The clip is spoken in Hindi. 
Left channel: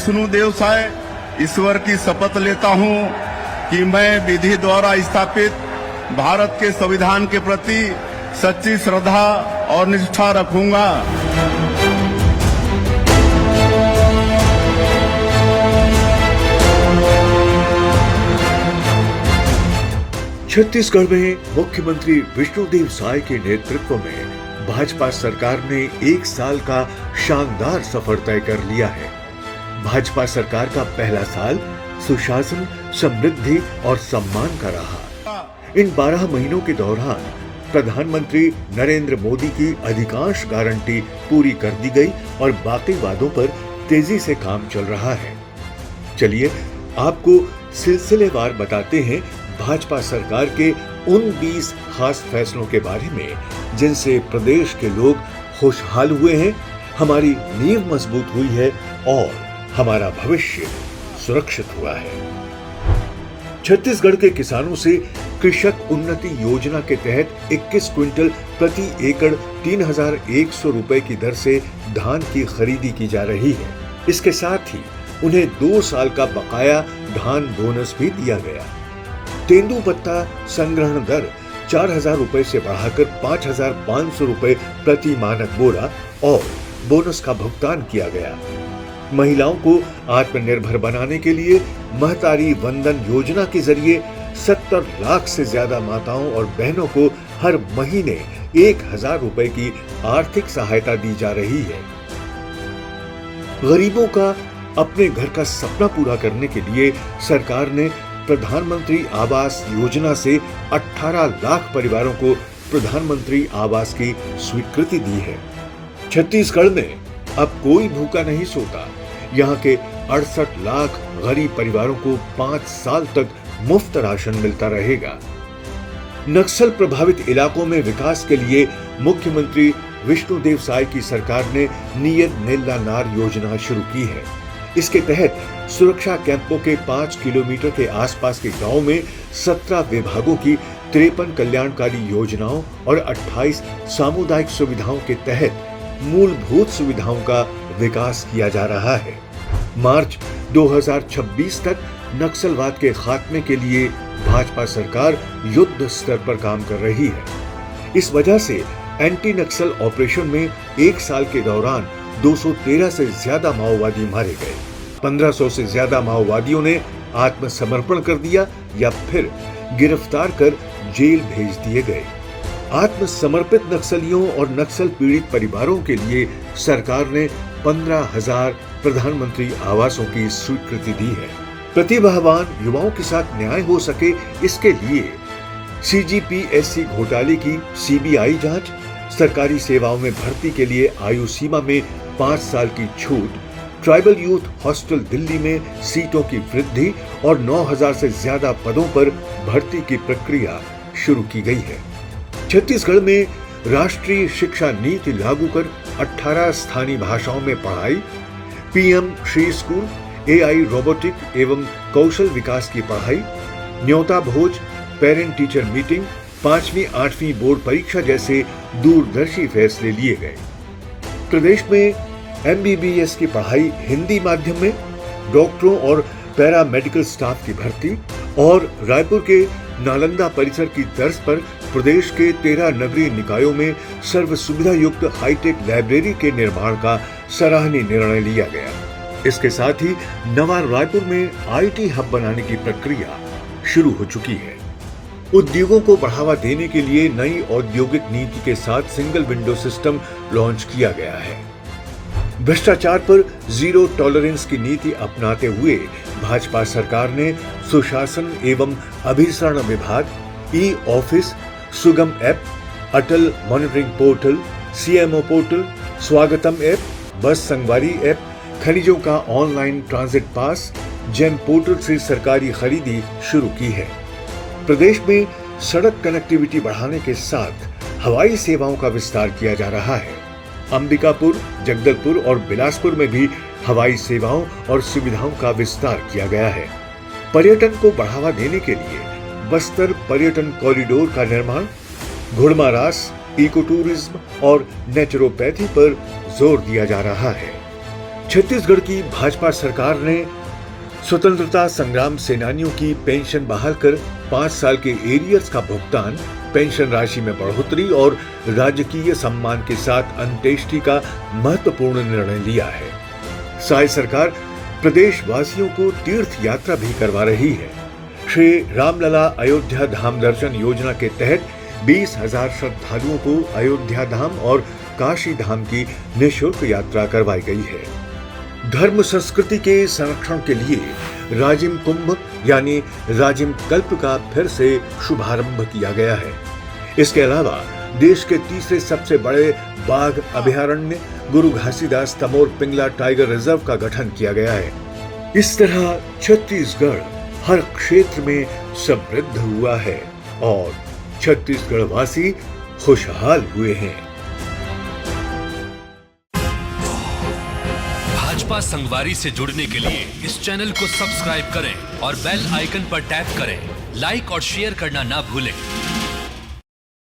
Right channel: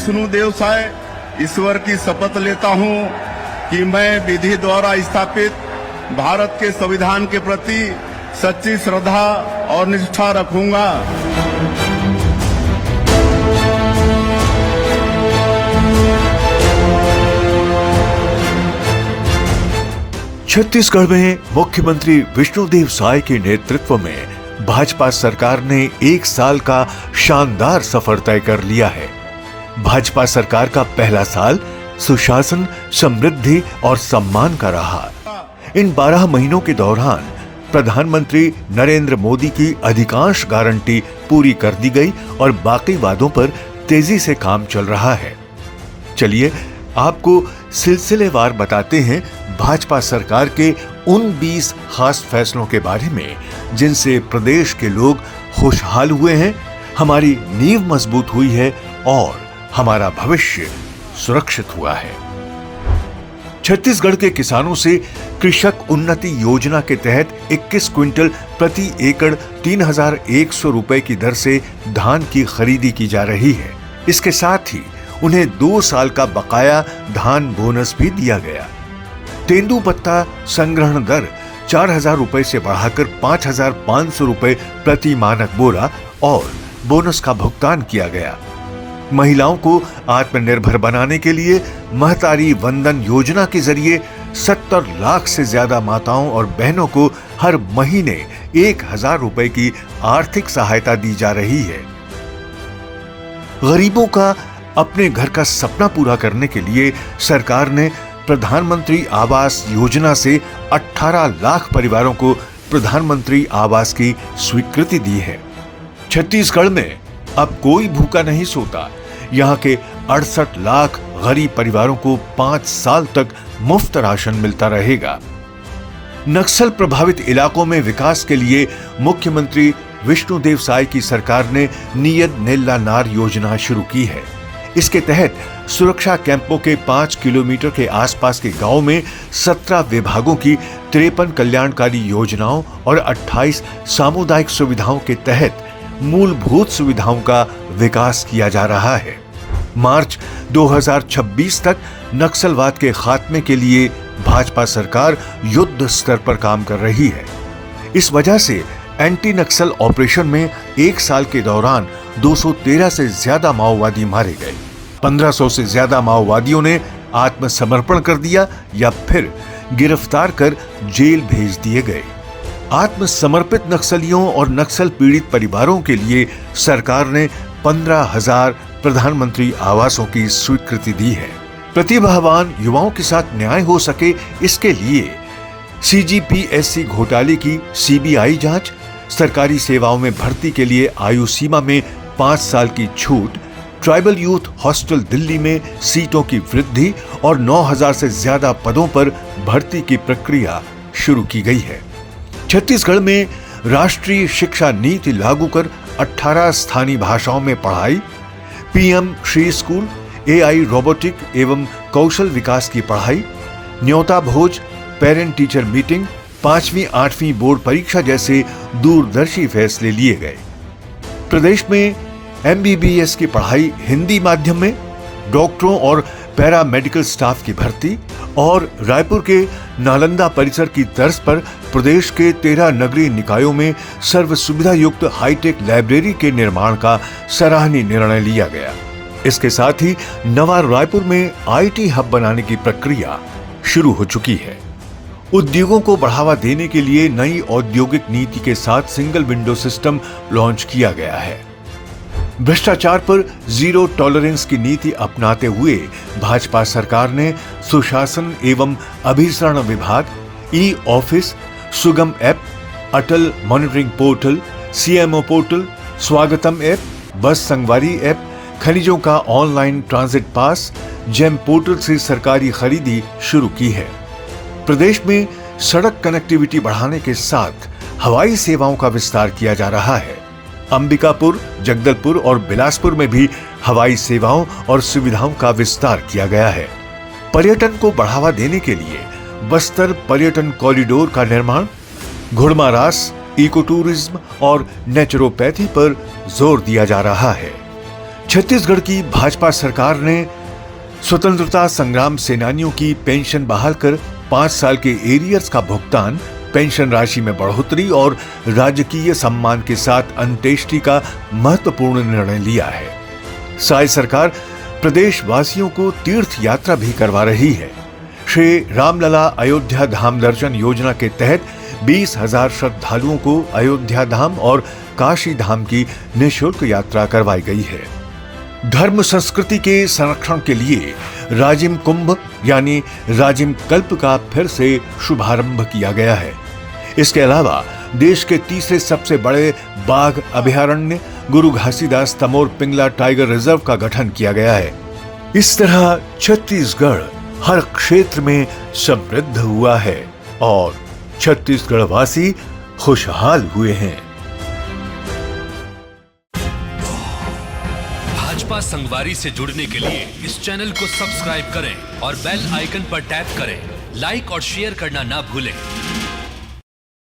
विष्णुदेव साय ईश्वर की शपथ लेता हूं कि मैं विधि द्वारा स्थापित भारत के संविधान के प्रति सच्ची श्रद्धा और निष्ठा रखूंगा। छत्तीसगढ़ में मुख्यमंत्री विष्णुदेव साय के नेतृत्व में भाजपा सरकार ने 1 साल का शानदार सफर तय कर लिया है। भाजपा सरकार का पहला साल सुशासन, समृद्धि और सम्मान का रहा। इन 12 महीनों के दौरान प्रधानमंत्री नरेंद्र मोदी की अधिकांश गारंटी पूरी कर दी गई और बाकी वादों पर तेजी से काम चल रहा है। चलिए आपको सिलसिलेवार बताते हैं भाजपा सरकार के उन 20 खास फैसलों के बारे में जिनसे प्रदेश के लोग खुशहाल हुए हैं, हमारी नींव मजबूत हुई है और हमारा भविष्य सुरक्षित हुआ है। छत्तीसगढ़ के किसानों से कृषक उन्नति योजना के तहत 21 क्विंटल प्रति एकड़ 3,100 रुपए की दर से धान की खरीदी की जा रही है। इसके साथ ही उन्हें 2 साल का बकाया धान बोनस भी दिया गया। तेंदुपत्ता संग्रहण दर 4,000 रुपए से बढ़ाकर 5,500 रुपए प्रति मानक बोरा और बोनस का भुगतान किया गया। महिलाओं को आत्मनिर्भर बनाने के लिए महतारी वंदन योजना के जरिए 70 लाख से ज्यादा माताओं और बहनों को हर महीने 1,000 रुपए की आर्थिक सहायता दी जा रही है। गरीबों का अपने घर का सपना पूरा करने के लिए सरकार ने प्रधानमंत्री आवास योजना से 18 लाख परिवारों को प्रधानमंत्री आवास की स्वीकृति दी है। छत्तीसगढ़ में अब कोई भूखा नहीं सोता। यहाँ के 68 लाख गरीब परिवारों को 5 साल तक मुफ्त राशन मिलता रहेगा। नक्सल प्रभावित इलाकों में विकास के लिए मुख्यमंत्री विष्णुदेव साय की सरकार ने नियत नेल्ला नार योजना शुरू की है। इसके तहत सुरक्षा कैंपों के 5 किलोमीटर के आसपास के गांव में 17 विभागों की 53 कल्याणकारी योजनाओं और 28 सामुदायिक सुविधाओं के तहत मूलभूत सुविधाओं का विकास किया जा रहा है। मार्च 2026 तक नक्सलवाद के खात्मे के लिए भाजपा सरकार युद्ध स्तर पर काम कर रही है। इस वजह से एंटी नक्सल ऑपरेशन में 1 साल के दौरान 213 से ज्यादा माओवादी मारे गए। 1500 से ज्यादा माओवादियों ने आत्मसमर्पण कर दिया या फिर गिरफ्तार कर जेल भेज दिए गए। आत्मसमर्पित नक्सलियों और नक्सल पीड़ित परिवारों के लिए सरकार ने 15,000 प्रधानमंत्री आवासों की स्वीकृति दी है। प्रतिभावान युवाओं के साथ न्याय हो सके, इसके लिए CGPSC घोटाले की CBI जांच, सरकारी सेवाओं में भर्ती के लिए आयु सीमा में 5 साल की छूट, ट्राइबल यूथ हॉस्टल दिल्ली में सीटों की वृद्धि और 9,000 से ज्यादा पदों पर भर्ती की प्रक्रिया शुरू की गई है। छत्तीसगढ़ में राष्ट्रीय शिक्षा नीति लागू कर 18 स्थानीय भाषाओं में पढ़ाई, PM Shri school, AI robotic एवं कौशल विकास की पढ़ाई, न्योता भोज, पेरेंट टीचर मीटिंग, 5वीं 8वीं बोर्ड परीक्षा जैसे दूरदर्शी फैसले लिए गए। प्रदेश में MBBS की पढ़ाई हिंदी माध्यम में, डॉक्टरों और पैरामेडिकल स्टाफ की भर्ती और रायपुर के नालंदा परिसर की तर्ज पर प्रदेश के 13 नगरीय निकायों में सर्व सुविधा युक्त हाईटेक लाइब्रेरी के निर्माण का सराहनीय निर्णय लिया गया। इसके साथ ही नवा रायपुर में IT हब बनाने की प्रक्रिया शुरू हो चुकी है। उद्योगों को बढ़ावा देने के लिए नई औद्योगिक नीति के साथ सिंगल विंडो सिस्टम लॉन्च किया गया है। भ्रष्टाचार पर जीरो टॉलरेंस की नीति अपनाते हुए भाजपा सरकार ने सुशासन एवं अभिसरण विभाग, e office, Sugam app, Atal monitoring portal, CMO portal, Swagatam app, bus Sangwari app, खनिजों का online transit pass, GeM portal से सरकारी खरीदी शुरू की है। प्रदेश में सड़क कनेक्टिविटी बढ़ाने के साथ हवाई सेवाओं का विस्तार किया जा रहा है। अंबिकापुर, जगदलपुर और बिलासपुर में भी हवाई सेवाओं और सुविधाओं का विस्तार किया गया है। पर्यटन को बढ़ावा देने के लिए बस्तर पर्यटन कॉरिडोर का निर्माण, घुड़मारास, इको टूरिज्म और नेचुरोपैथी पर जोर दिया जा रहा है। छत्तीसगढ़ की भाजपा सरकार ने स्वतंत्रता संग्राम सेनानियों की पेंशन बहाल कर 5 साल के एरियर्स का भुगतान, पेंशन राशि में बढ़ोतरी और राजकीय सम्मान के साथ अंत्येष्टि का महत्वपूर्ण निर्णय लिया है। साय सरकार प्रदेश वासियों को तीर्थ यात्रा भी करवा रही है। श्री रामलला अयोध्या धाम दर्शन योजना के तहत 20,000 श्रद्धालुओं को अयोध्या धाम और काशी धाम की निःशुल्क यात्रा करवाई गई है। धर्म संस्कृति के संरक्षण के लिए राजिम कुंभ यानी राजिम कल्प का फिर से शुभारंभ किया गया है। इसके अलावा देश के तीसरे सबसे बड़े बाघ अभयारण्य गुरु घासीदास तमोर पिंगला टाइगर रिजर्व का गठन किया गया है। इस तरह छत्तीसगढ़ हर क्षेत्र में समृद्ध हुआ है और छत्तीसगढ़ वासी खुशहाल हुए हैं। भाजपा संगवारी से जुड़ने के लिए इस चैनल को सब्सक्राइब करें और बेल आइकन पर टैप करें। लाइक और शेयर करना ना भूलें।